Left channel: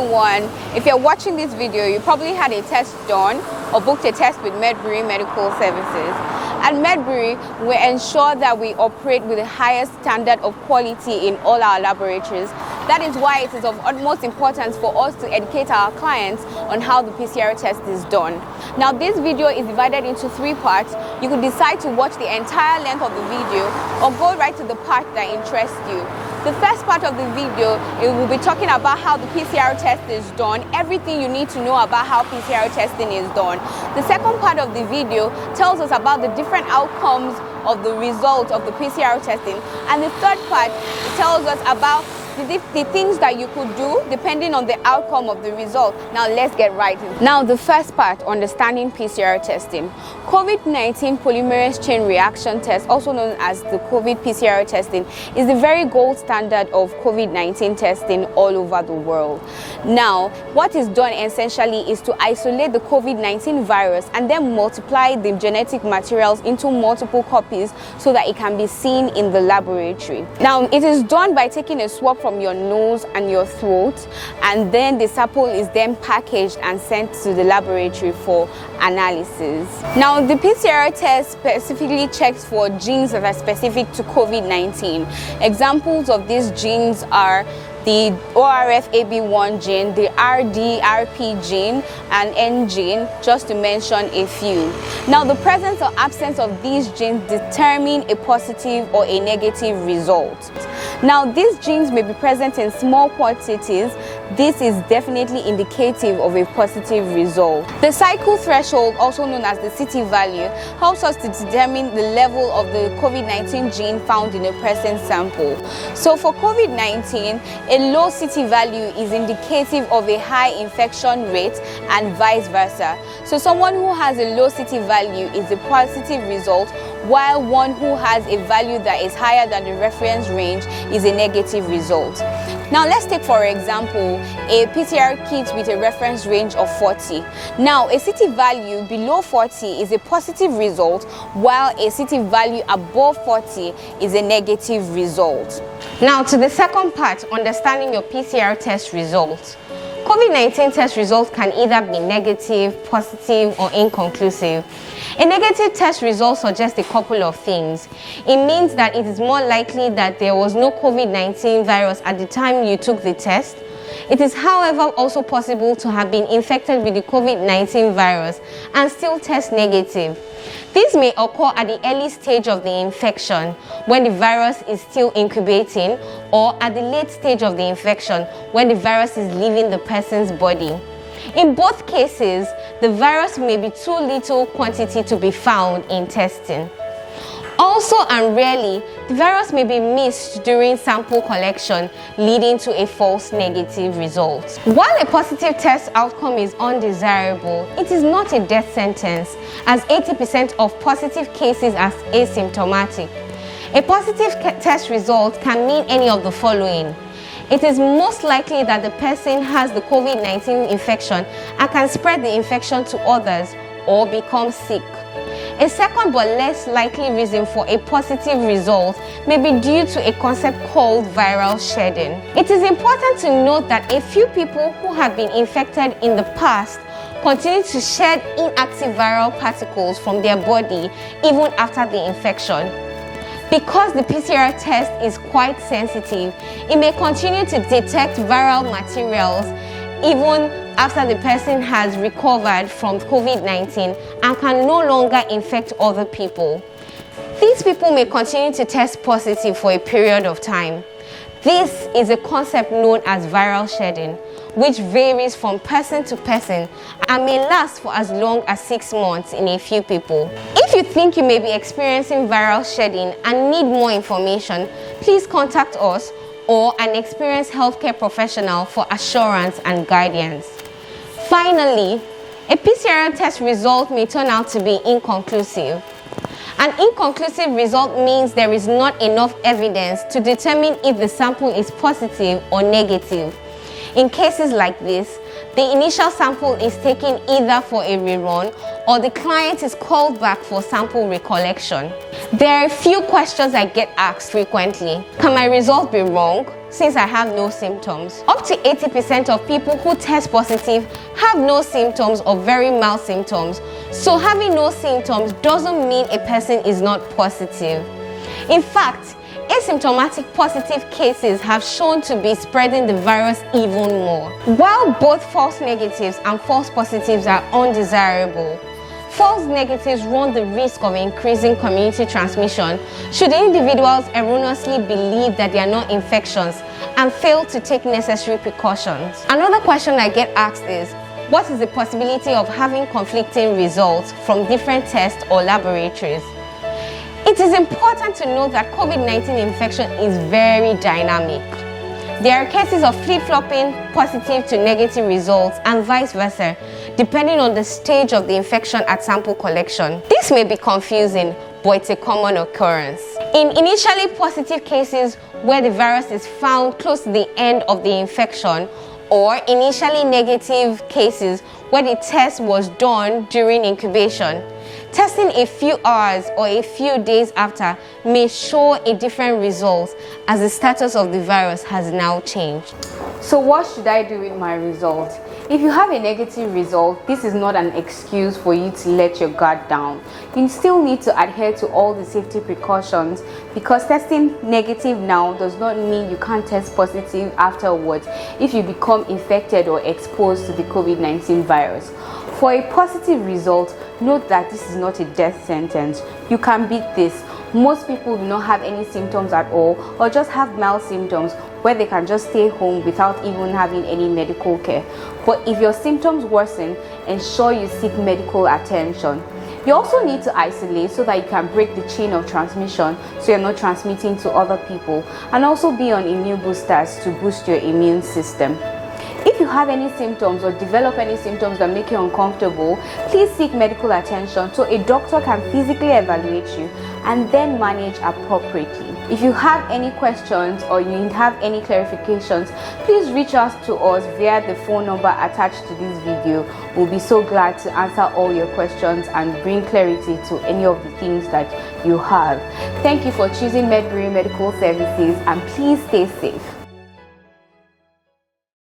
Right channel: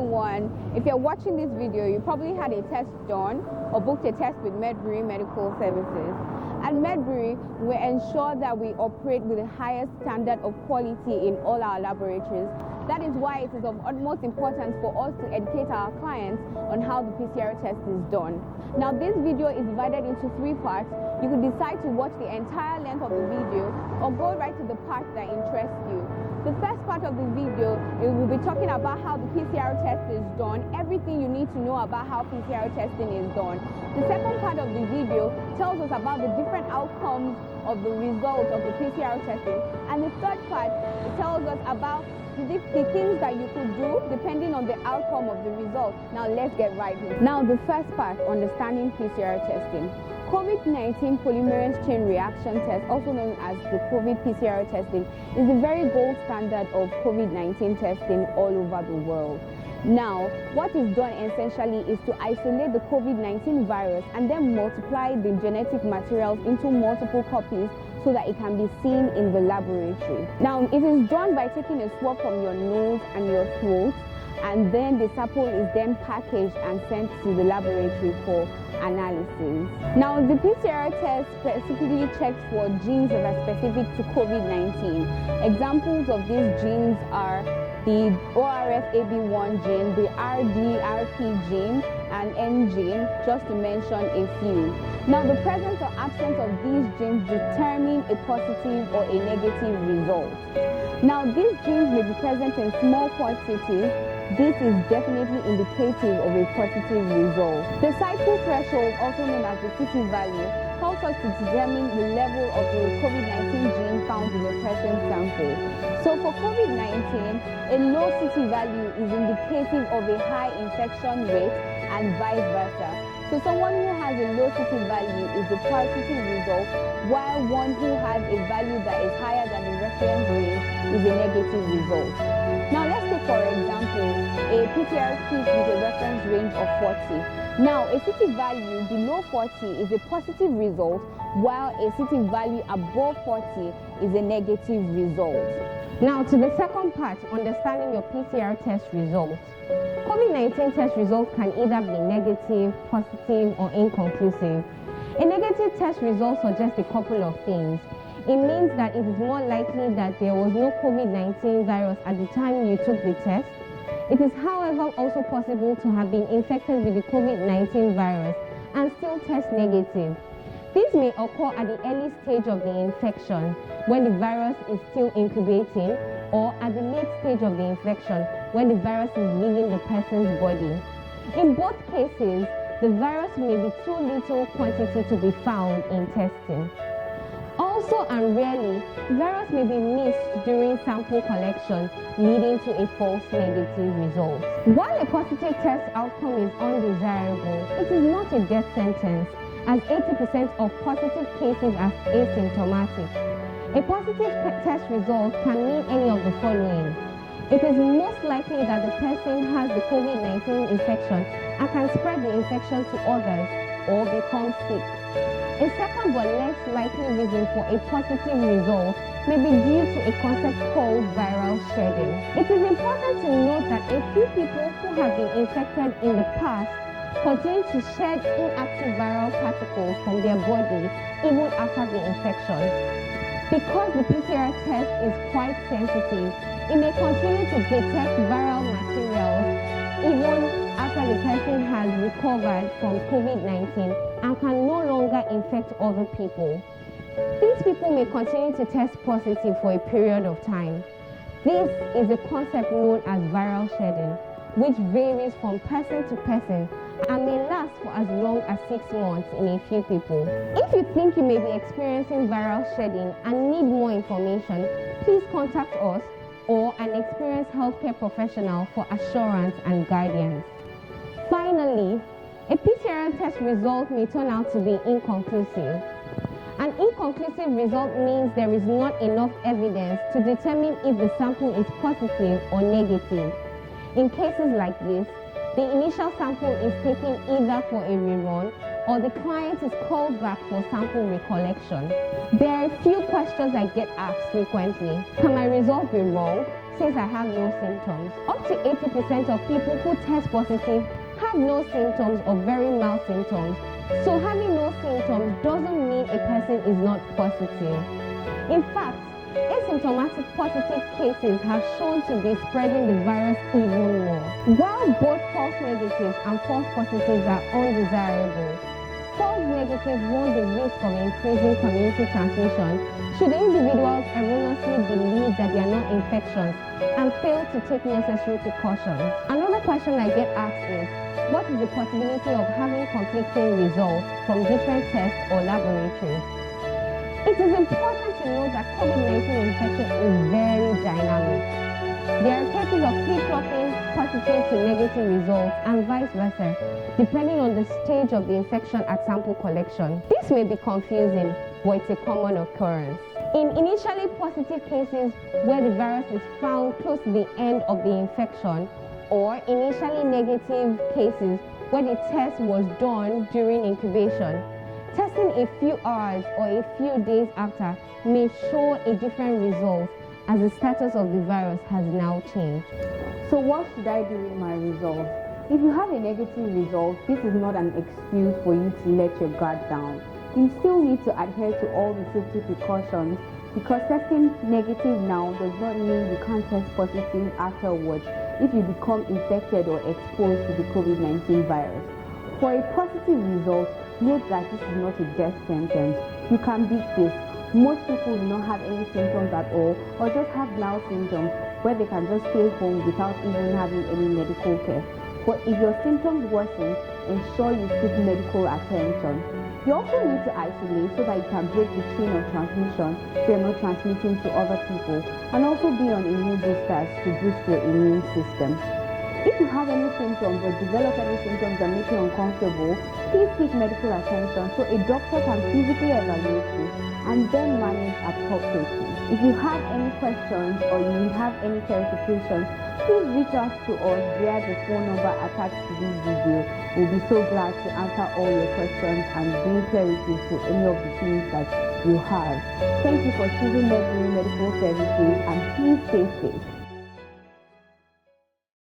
everyone. If you're watching this video, you probably had a test done or booked a test with Medbury Medical Services. At Medbury, we ensure that we operate with the highest standard of quality in all our laboratories. That is why it is of utmost importance for us to educate our clients on how the PCR test is done. Now, this video is divided into 3 parts. You could decide to watch the entire length of the video or go right to the part that interests you. The first part of the video, it will be talking about how the PCR test is done, everything you need to know about how PCR testing is done. The second part of the video tells us about the different outcomes of the results of the PCR testing. And the third part, it tells us about the things that you could do depending on the outcome of the result. Now let's get right in. Now the first part, understanding PCR testing. COVID-19 polymerase chain reaction test, also known as the COVID PCR testing, is the very gold standard of COVID-19 testing all over the world. Now, what is done essentially is to isolate the COVID-19 virus and then multiply the genetic materials into multiple copies so that it can be seen in the laboratory. Now, it is done by taking a swab from your nose and your throat, and then the sample is then packaged and sent to the laboratory for analysis. Now, the PCR test specifically checks for genes that are specific to COVID-19. Examples of these genes are the ORF-AB1 gene, the RDRP gene, and N gene, just to mention a few. Now, the presence or absence of these genes determine a positive or a negative result. Now, these genes may be present in small quantities. This is definitely indicative of a positive result. The cycle threshold, also known as the CT value, helps us to determine the level of the COVID-19 gene found in a person sample. So for COVID-19, a low CT value is indicative of a high infection rate and vice versa. So someone who has a low CT value is a positive result, while one who has a value that is higher than the reference range is a negative result. Now let's take, for example, a PCR kit with a reference range of 40. Now, a CT value below 40 is a positive result, while a CT value above 40 is a negative result. Now to the second part, understanding your PCR test results. COVID-19 test results can either be negative, positive, or inconclusive. A negative test result suggests a couple of things. It means that it is more likely that there was no COVID-19 virus at the time you took the test. It is, however, also possible to have been infected with the COVID-19 virus and still test negative. This may occur at the early stage of the infection, when the virus is still incubating, or at the late stage of the infection, when the virus is leaving the person's body. In both cases, the virus may be too little quantity to be found in testing. Also and rarely, the virus may be missed during sample collection, leading to a false negative result. While a positive test outcome is undesirable, it is not a death sentence, as 80% of positive cases are asymptomatic. A positive test result can mean any of the following. It is most likely that the person has the COVID-19 infection and can spread the infection to others or become sick. A second but less likely reason for a positive result may be due to a concept called viral shedding. It is important to note that a few people who have been infected in the past continue to shed inactive viral particles from their body even after the infection. Because the PCR test is quite sensitive, it may continue to detect viral materials even after the person has recovered from COVID-19 and can no longer infect other people. These people may continue to test positive for a period of time. This is a concept known as viral shedding, which varies from person to person and may last for as long as 6 months in a few people. If you think you may be experiencing viral shedding and need more information, please contact us or an experienced healthcare professional for assurance and guidance. Finally, a PCR test result may turn out to be inconclusive. An inconclusive result means there is not enough evidence to determine if the sample is positive or negative. In cases like this, the initial sample is taken either for a rerun or the client is called back for sample recollection. There are a few questions I get asked frequently. Can my result be wrong? since I have no symptoms. Up to 80% of people who test positive have no symptoms or very mild symptoms. So having no symptoms doesn't mean a person is not positive. In fact, asymptomatic positive cases have shown to be spreading the virus even more. While both false negatives and false positives are undesirable, false negatives run the risk of increasing community transmission should individuals erroneously believe that they are not infections and fail to take necessary precautions. Another question I get asked is, what is the possibility of having conflicting results from different tests or laboratories? It is important to note that COVID-19 infection is very dynamic. There are cases of flip-flopping positive to negative results and vice versa, depending on the stage of the infection at sample collection. This may be confusing, but it's a common occurrence. In initially positive cases where the virus is found close to the end of the infection, or initially negative cases where the test was done during incubation, testing a few hours or a few days after may show a different result as the status of the virus has now changed. So what should I do with my result? If you have a negative result, this is not an excuse for you to let your guard down. You still need to adhere to all the safety precautions, because testing negative now does not mean you can't test positive afterwards if you become infected or exposed to the COVID-19 virus. For a positive result, note that this is not a death sentence. You can beat this. Most people do not have any symptoms at all, or just have mild symptoms where they can just stay home without even having any medical care. But if your symptoms worsen, ensure you seek medical attention. You also need to isolate so that you can break the chain of transmission so you're not transmitting to other people, and also be on immune boosters to boost your immune system. If you have any symptoms or develop any symptoms that make you uncomfortable, please seek medical attention so a doctor can physically evaluate you and then manage appropriately. If you have any questions or you have any clarifications, please reach out to us via the phone number attached to this video. We'll be so glad to answer all your questions and bring clarity to any of the things that you have. Thank you for choosing Medbury Medical Services, and please stay safe.